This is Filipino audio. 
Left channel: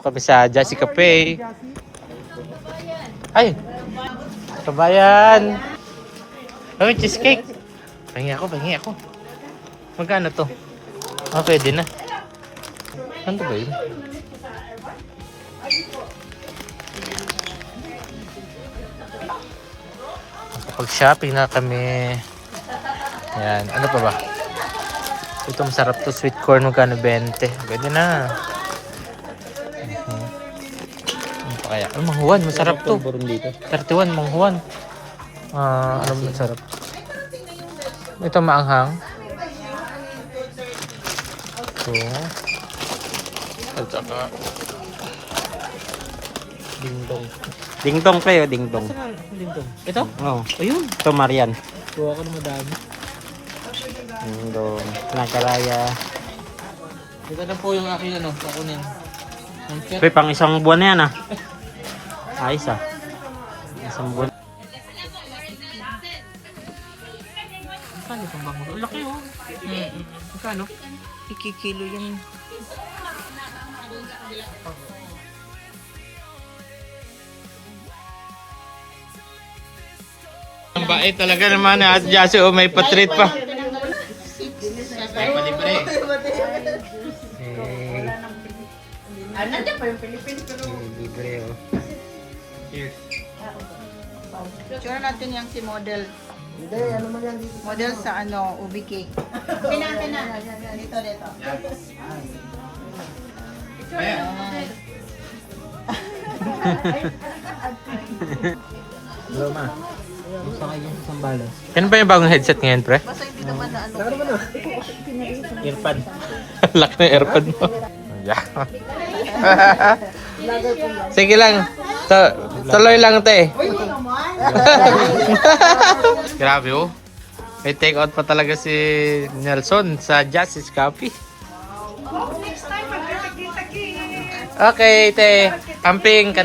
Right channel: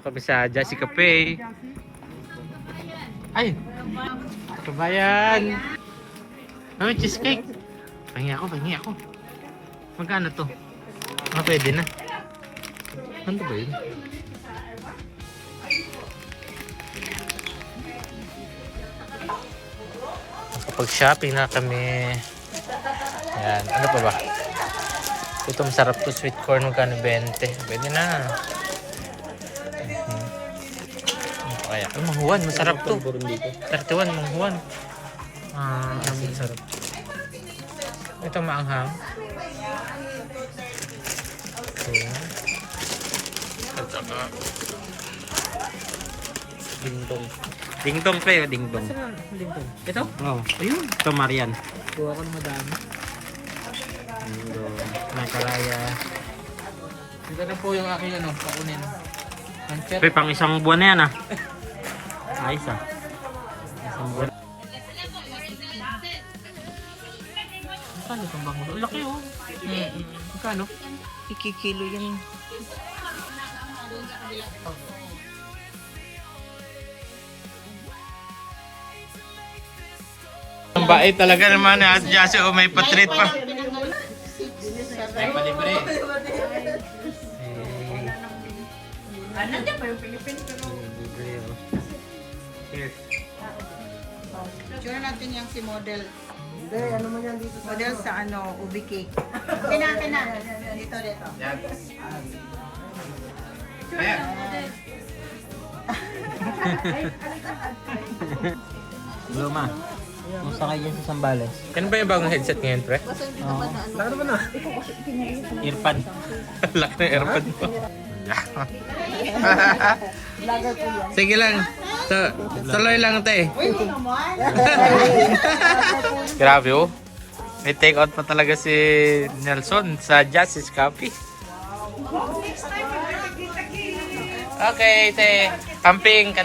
po kami sa Jassy Cafe. Ay! Kabayan! Oh, cheesecake! Pahingi ako. Magkano to? Ah, pwede na. Ano ba yun? Nakapag-shopping na kami. Yan. Ano pa ba? Ito masarap to. Sweet corn. Magkano 20. Pwede na. Ano pa kaya? Ay, manghuwan. Masarap to. 31. Manghuwan. Ano masarap? Ito maanghang. Ito. At saka dingdong. Dingdong kayo, dingdong. Dingdong. Ito? Oo. Ayun. Ito Marian. Kuha ko na madami. Dingdong. Nagaraya. Ito na po yung aking pakunin. Pre, pang isang buwan na yan ah. Ayos ah. Isang buwan. Magkano itong bangus? Ang laki oh. Magkano? Ikikilo yan. Ang bait talaga naman at Jassy oh, may patreat pa. May palibre. Libre oh. Cheers. Sure natin yung si model. Model sa ubi cake. Pinate na. Dito. Ayan. Hello ma. Gusto kayo sa Sambales? Yan ba yung bagong headset ngayon, pre? Basta hindi naman na Earpad. Laki na airpod mo. Sige lang. Tuloy lang, te. Grabe, oh. May take out pa talaga si Nelson sa Justice Coffee. Okay, te. Camping.